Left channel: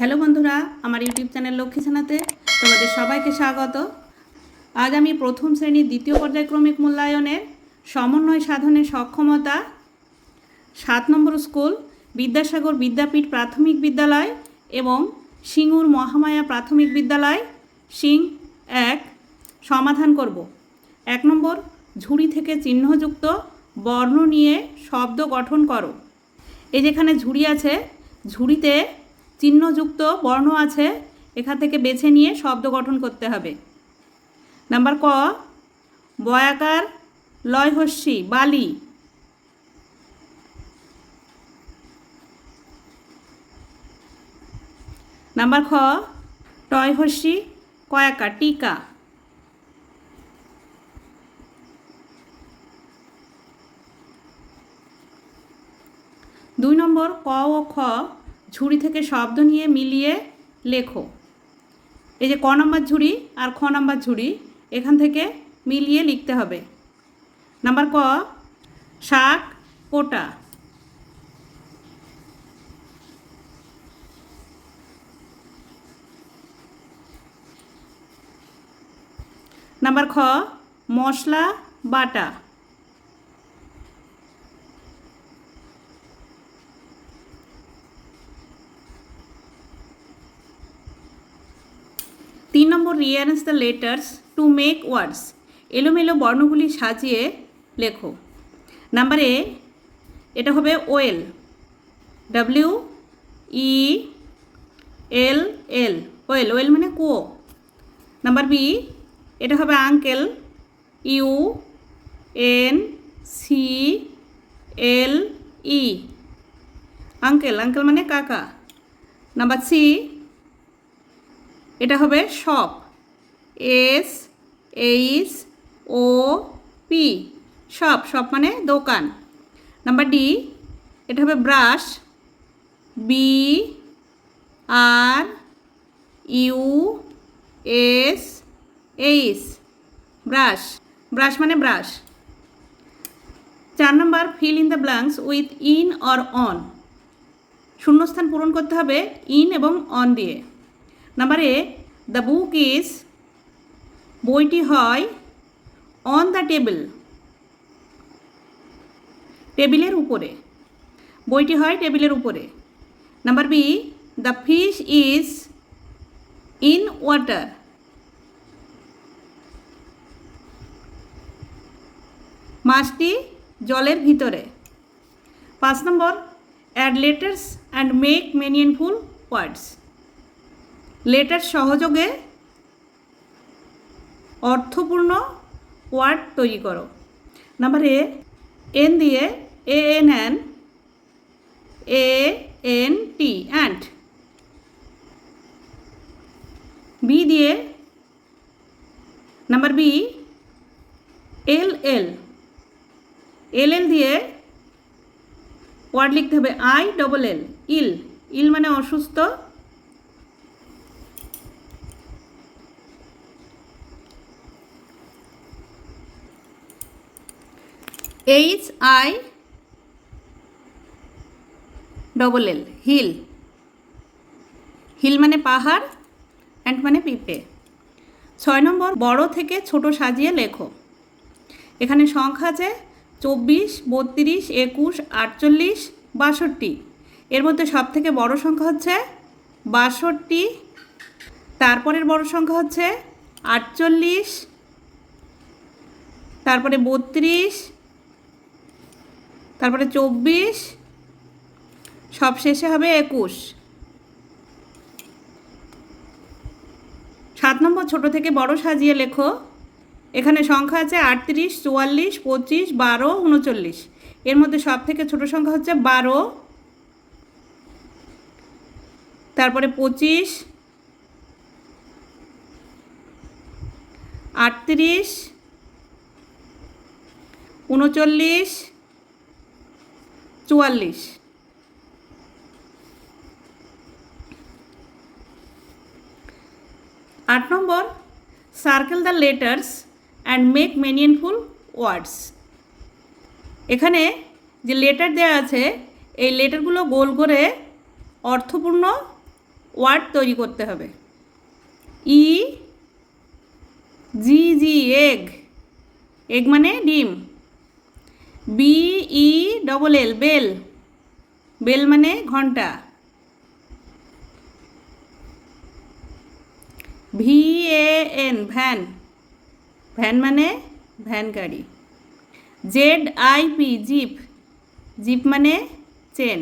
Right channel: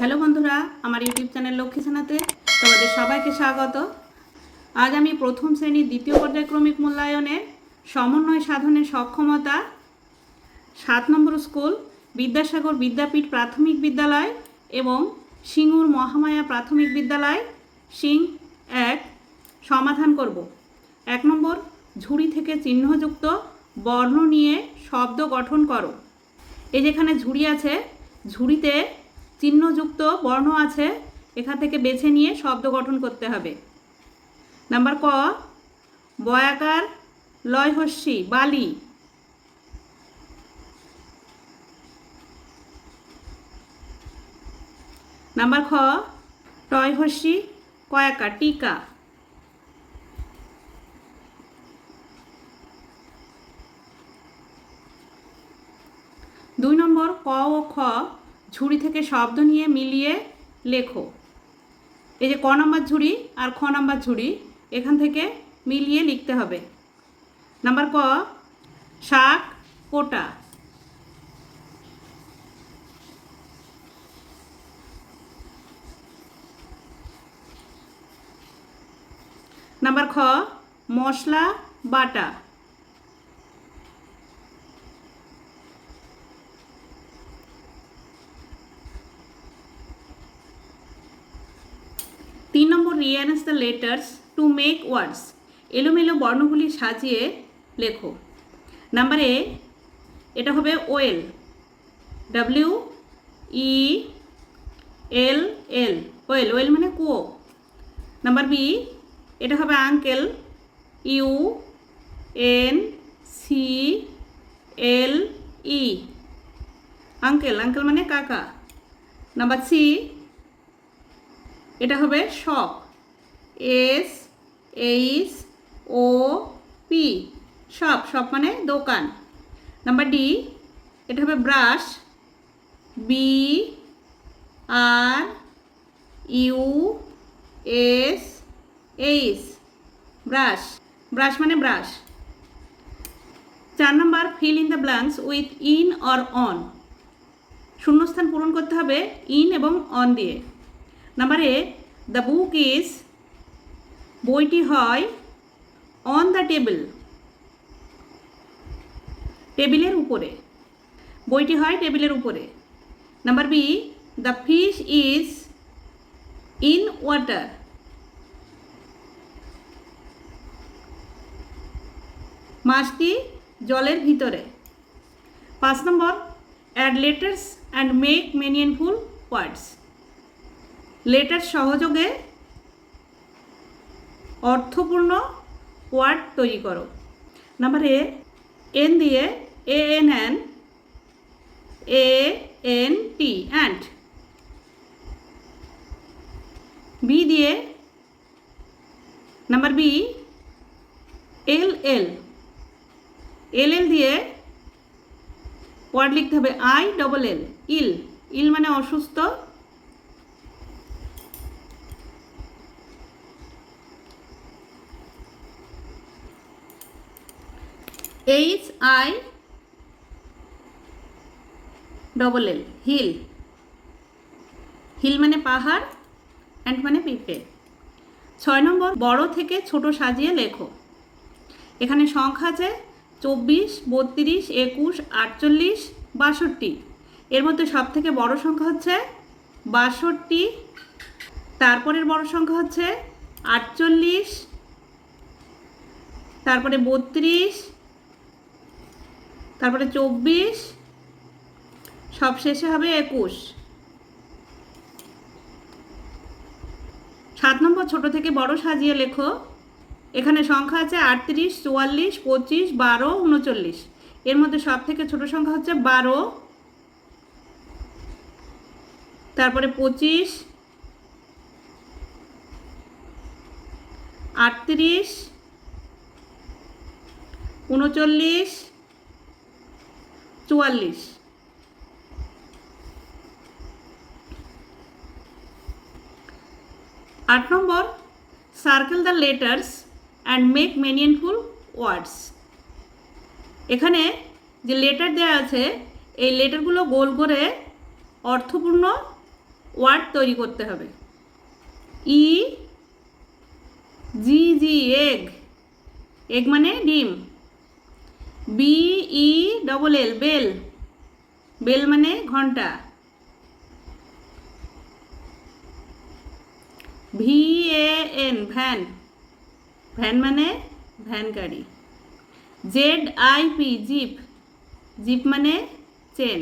Hello বন্ধুরা, আমার YouTube channel Lakshmi সেনাতে তোমাদের সবাইকে স্বাগত। আজ আমি প্রথম শ্রেণির দ্বিতীয় পর্যায়ক্রমিক মূল্যায়নের সমন্বয় সাধনের সক্ষমতা, সাত নম্বর স্কুল, বিদ্যাসাগর বিদ্যাপীঠ প্রাথমিক বিদ্যালয় এবং সিঙ্গুর মহামায়া প্রাথমিক বিদ্যালয়, সিং এক, সমাধান করব। এক নম্বর, ঝুড়ি থেকে চিহ্নযুক্ত বর্ণ নিয়ে শব্দ গঠন করো। এই যেখানে ঝুড়ি আছে, ঝুড়িতে চিহ্নযুক্ত বর্ণ আছে, এখান থেকে বেছে নিয়ে শব্দ গঠন করতে হবে। নাম্বার ক, বয়াকার লয়হস্যি, বালি। নাম্বার খ, টয়হস্যি, কয়াকা, টিকা। দুই নম্বর ক ও খ ঝুড়ি থেকে শব্দ নিয়ে মিলিয়ে লেখো। এই যে ক নম্বর ঝুড়ি আর খ নম্বর ঝুড়ি, এখান থেকে মিলিয়ে লিখতে হবে। নাম্বার ক, শাক, কোটা। নাম্বার খ, মশলা, বাটা। তিন নম্বর rearrange the letters to make words. এলোমেলো বর্ণগুলি সাজিয়ে লেখো। নাম্বার এ, এটা হবে well W E L L. Well well মানে কুয়ো নাম্বার বি, এটা হবে uncle. U N C L E. Uncle uncle মানে কাকা। নাম্বার সি এটা হবে shop S, H, O, P. Shop shop মানে দোকান। নাম্বার ডি, এটা হবে brush. B, R, U, S, H. Brush. Brush মানে ব্রাশ। চার নম্বর, fill in the blanks with in or on. শূন্যস্থান পূরণ করতে হবে ইন এবং অন দিয়ে। Number A the book is বইটি হয় অন দ্য টেবিল টেবিলের উপরে। বইটি হয় টেবিলের উপরে। Number B the fish is in water মাছটি জলের ভিতরে। পাঁচ নম্বর add letters and make meaningful words letter সহযোগে অর্থপূর্ণ ওয়ার্ড তৈরি করো। নাম্বার এ, এন দিয়ে A N N A N T and B দিয়ে, number B, L L. L L দিয়ে ওয়ার্ড লিখতে হবে I double L, ill. Ill মানে অসুস্থ H I double L hill hill মানে পাহাড় অ্যান্ড মানে পিঁপড়ে। ছয় নম্বর, বড় থেকে ছোট সাজিয়ে লেখো। এখানে সংখ্যা আছে চব্বিশ, বত্রিশ, একুশ, আটচল্লিশ, বাষট্টি। এর মধ্যে সব থেকে বড় সংখ্যা হচ্ছে বাষট্টি। তারপরের বড় সংখ্যা হচ্ছে আটচল্লিশ। তারপরে বত্রিশ তারপরে চব্বিশ, সব শেষে হবে একুশ। সাত নম্বর ছোট থেকে বড় সাজিয়ে লেখো। এখানে সংখ্যা আছে আটত্রিশ, চুয়াল্লিশ, পঁচিশ, বারো, উনচল্লিশ। এর মধ্যে সব থেকে ছোট সংখ্যা হচ্ছে বারো। তারপরে পঁচিশ, আটত্রিশ, উনচল্লিশ চুয়াল্লিশ। আট নম্বর circle the letters and make meaningful words এখানে যে লেটার দেওয়া আছে, এই লেটারগুলো গোল করে অর্থপূর্ণ ওয়ার্ড তৈরি করতে হবে। ই জি জি এগ এগ মানে ডিম। B E double L bell bell মানে ঘণ্টা। V A N van van মানে ভ্যান গাড়ি। Z I P zip zip মানে চেন।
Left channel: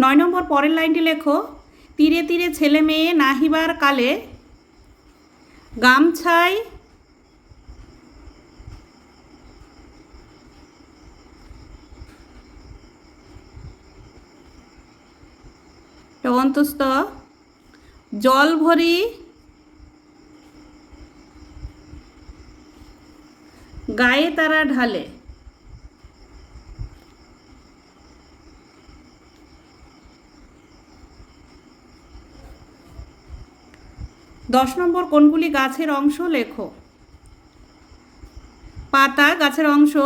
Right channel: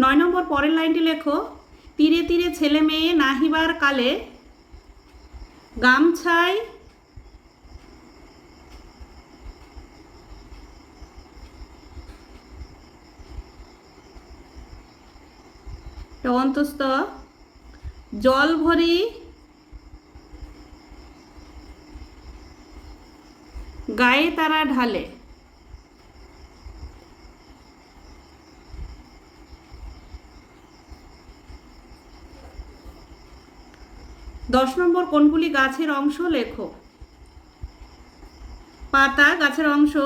নয় নম্বর পরের লাইনটি লেখো। তীরে তীরে ছেলে মেয়ে নাহিবার কালে গামছায় অন্তস্থ জল ভরি গায়ে তারা ঢালে। দশ নম্বর, কোনগুলি গাছের অংশ? লেখো। পাতা গাছের অংশ।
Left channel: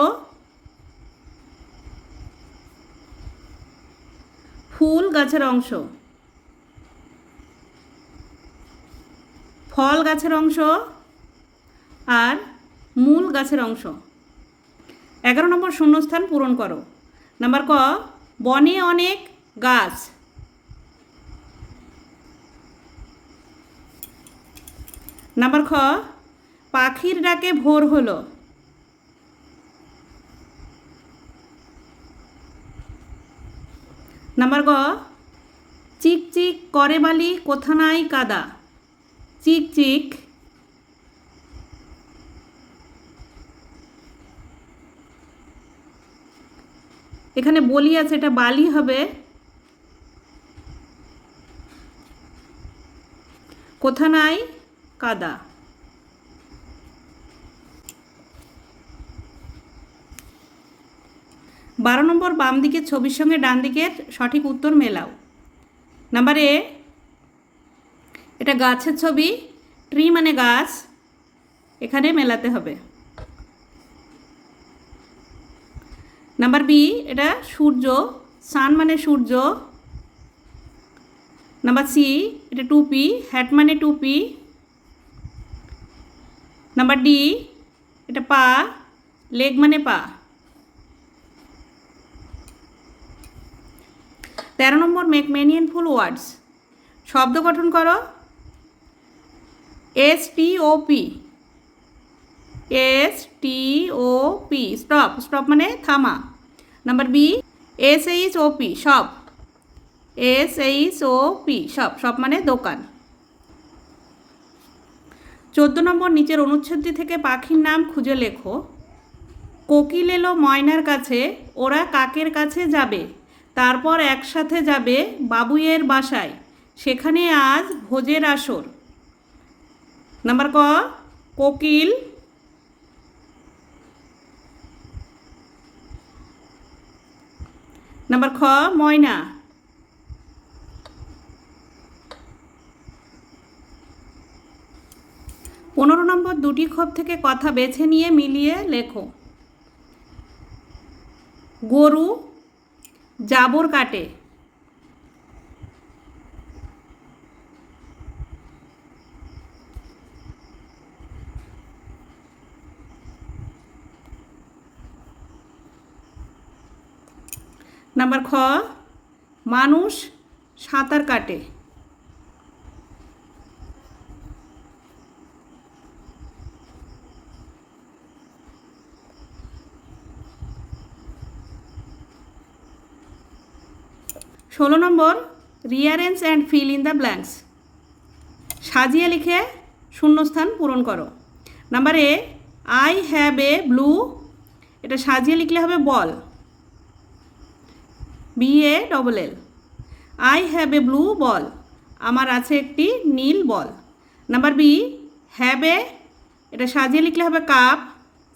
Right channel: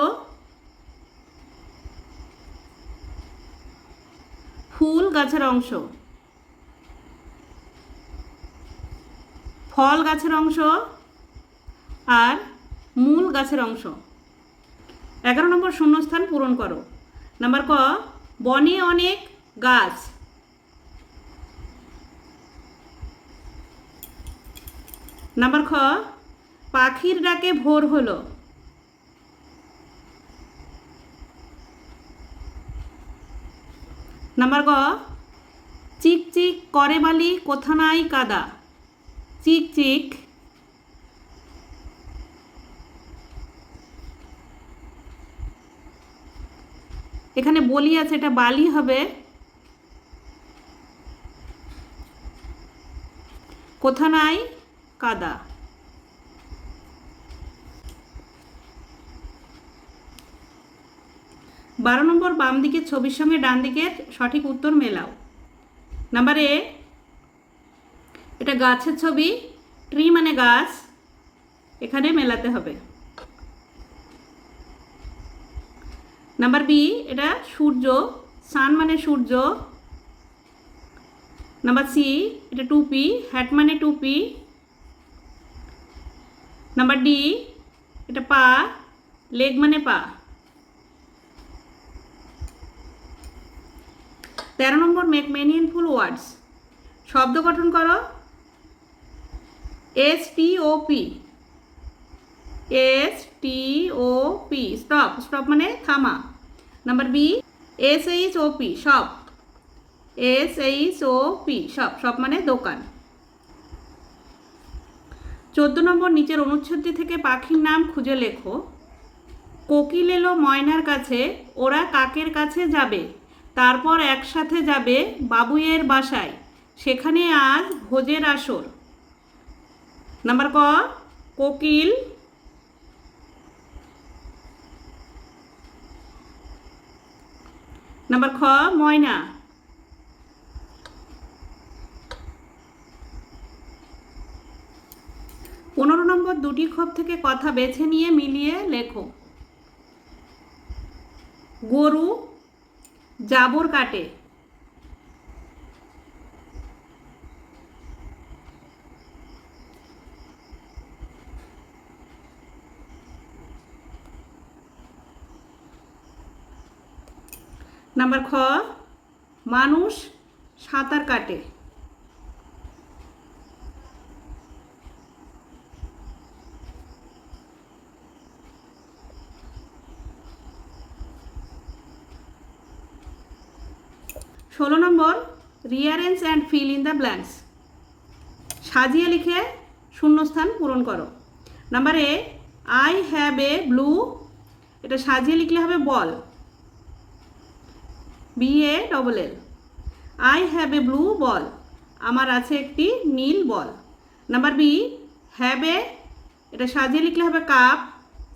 ফুল গাছের অংশ। ফল গাছের অংশ আর মূল গাছের অংশ। এগারো নম্বর শূন্যস্থান পূরণ করো। নাম্বার ক, বনে অনেক গাছ। নাম্বার খ, পাখির ডাকে ভোর হলো। নাম্বার গ চিক চিক করে বালি কোথা নাই কাদা। চিক চিক। এখানে বলি আছে, এটা বালি হবে। কোথা নাই? কাদা। বারো নম্বর বাম দিকের ছবির সঙ্গে ডান দিকের সঠিক উত্তর মেলাও। নাম্বার এ এটা গাছের ছবি ট্রি মানে গাছ, এখানে মেলাতে হবে। নাম্বার বি এটা সূর্য সান মানে সূর্য। নাম্বার সি এটা টুপি হ্যাট মানে টুপি। নাম্বার ডি এটা পা লেগ মানে পা। তেরো নম্বর মেক মেনিয়ান ফুল ওয়ার্ডস শব্দ গঠন করো। S T O P S T O P stop stop মানে থামা। Number B S H O P shop S H O P shop shop মানে দোকান। চোদ্দ নম্বর নিচের অনুচ্ছেদটি থেকে পাখির নাম খুঁজে লেখো। কোকিল এলো ময়নার কাছে, ওরা কাকের কাছে যাবে। তারপর একসাথে যাবে বাবুইয়ের বাসায়। সেখানে আজ ভোজের আসর। নাম্বার ক? কোকিল। নাম্বার খ? ময়না। পনেরো নম্বর দুটি ক্ষোভ থেকে কথা বেছে নিয়ে মিলিয়ে লেখো। গরু জাবর কাটে। নাম্বার খ, মানুষ সাঁতার কাটে। ষোলো নম্বর rearrange and fill in the blanks সাজিয়ে লিখে শূন্যস্থান পূরণ করো। Number A I have a blue এটা সাজিয়ে লিখলে হবে ball. B A double L I have a blue ball আমার আছে একটি নীল ball number B have a এটা সাজিয়ে লিখলে হবে cup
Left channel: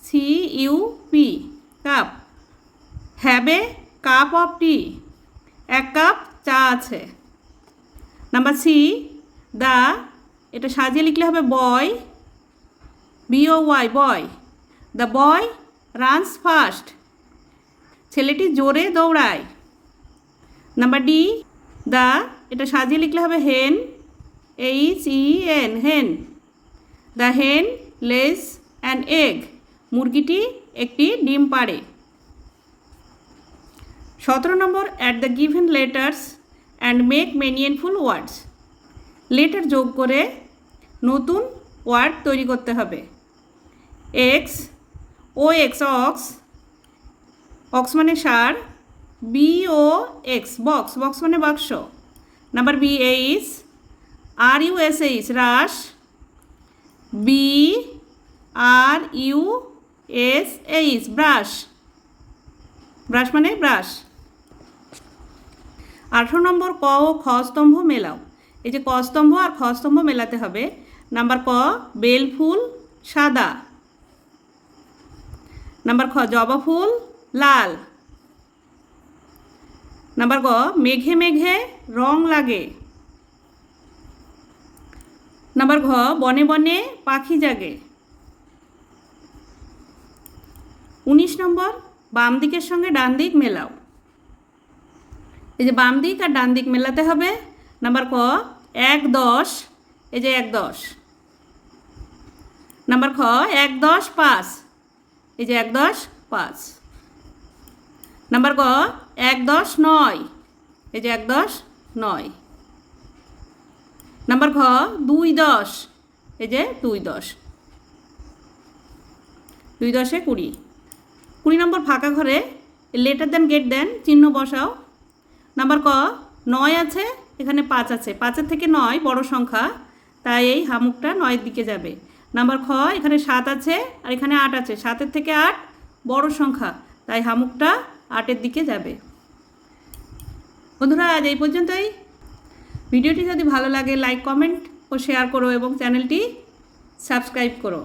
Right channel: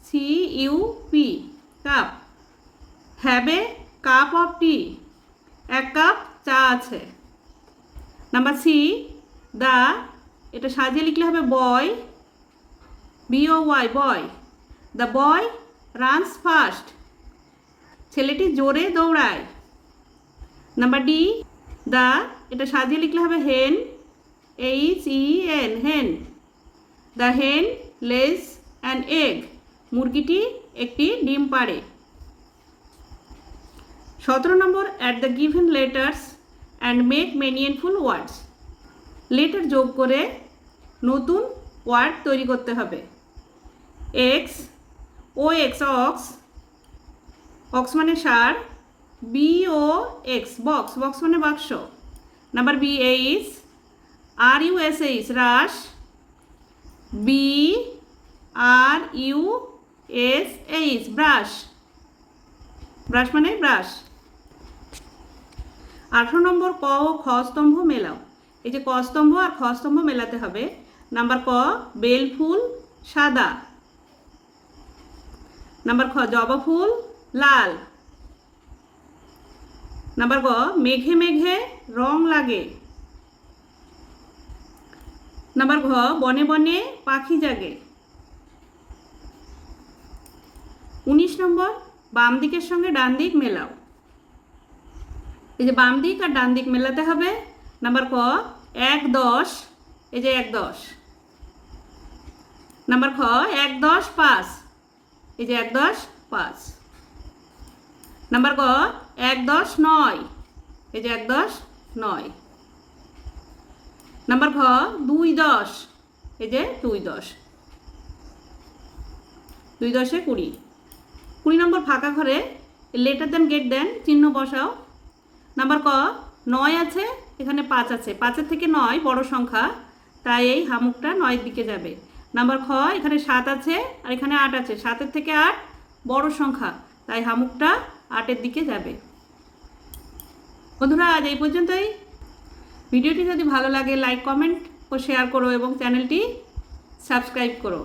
C U P cup have a cup of tea এক কাপ চা আছে. নাম্বার সি দা এটা সাজিয়ে লিখলে হবে boy B O Y boy the boy runs first ছেলেটি জোরে দৌড়ায়। নাম্বার ডি, দা, এটা সাজিয়ে লিখলে হবে hen, H, E, N, hen. The hen lays an egg. মুরগিটি একটি ডিম পাড়ে। সতেরো নম্বর, add the given letters and make meaningful words. Letter যোগ করে নতুন ওয়ার্ড তৈরি করতে হবে। X, O X, ox. Ox মানে সার B O X box box মানে বাক্স। Number B H R U S H rush B R U S H brush brush মানে ব্রাশ আঠেরো নম্বর ক ও খ স্তম্ভ মেলাও। এই যে ক স্তম্ভ আর খ স্তম্ভ মেলাতে হবে। নাম্বার ক, বেল ফুল, সাদা। নাম্বার খ, জবা ফুল, লাল। নাম্বার গ, মেঘে মেঘে রং লাগে। নাম্বার ঘ, বনে বনে পাখি জাগে। উনিশ নম্বর, বাম দিকের সঙ্গে ডান দিক মেলাও। এই যে বাম দিক আর ডান দিক মেলাতে হবে। নাম্বার ক, এক দশ, এই যে এক দশ। নাম্বার খ, এক দশ পাঁচ, এই যে এক দশ পাঁচ। নাম্বার ক এক দশ নয়। এই যে এক দশ নয়। নাম্বার খ দুই দশ। এই যে দুই দশ। দুই দশে কুড়ি। কুড়ি নম্বর ফাঁকা ঘরে লেটার দেন, গেট দেন, চিহ্ন বসাও। নাম্বার ক, নয় আছে, এখানে পাঁচ আছে। পাঁচের থেকে নয়, বড় সংখ্যা। তাই এই হামুকটা নয়ের দিকে যাবে। নাম্বার খ, এখানে সাত আছে আর এখানে আট আছে। সাতের থেকে আট, বড় সংখ্যা। তাই হামুকটা আটের দিকে যাবে। বন্ধুরা, আজ এই পর্যন্তই। ভিডিওটি যদি ভালো লাগে লাইক কমেন্ট ও শেয়ার করো এবং চ্যানেলটি সাবস্ক্রাইব করো।